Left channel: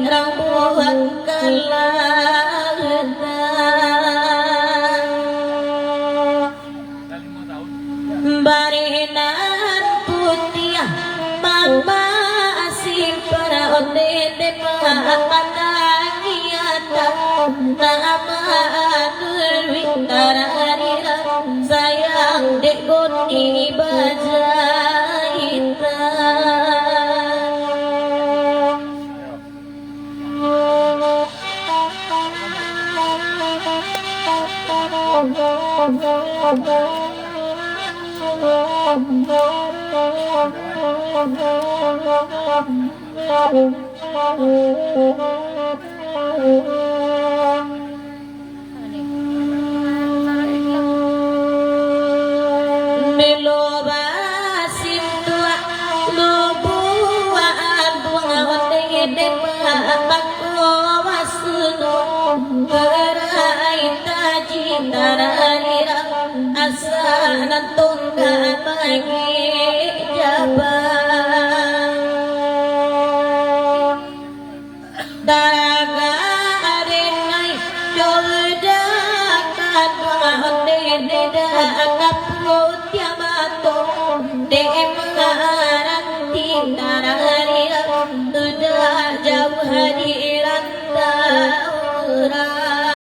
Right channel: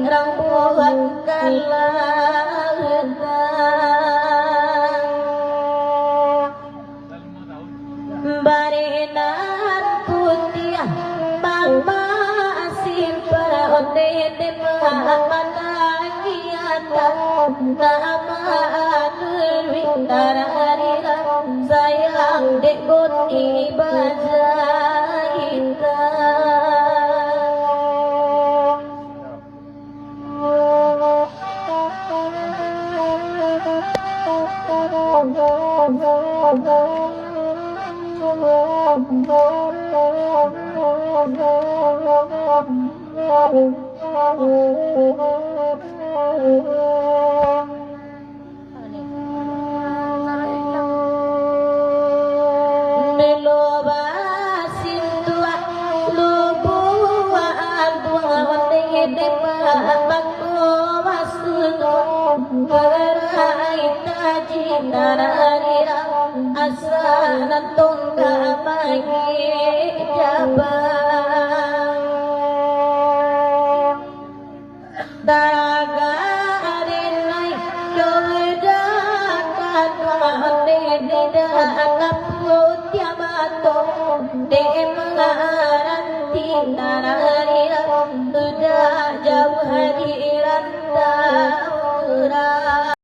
rambuan barinan putih mama asing para onde panangiata nama anurwi tararira sayang dekon ibajaita Meloba simtua lubua albua ondege pakko wasuno beraita jitararira asanan tongga pagi jabang daga arenai dodakan onde deda akap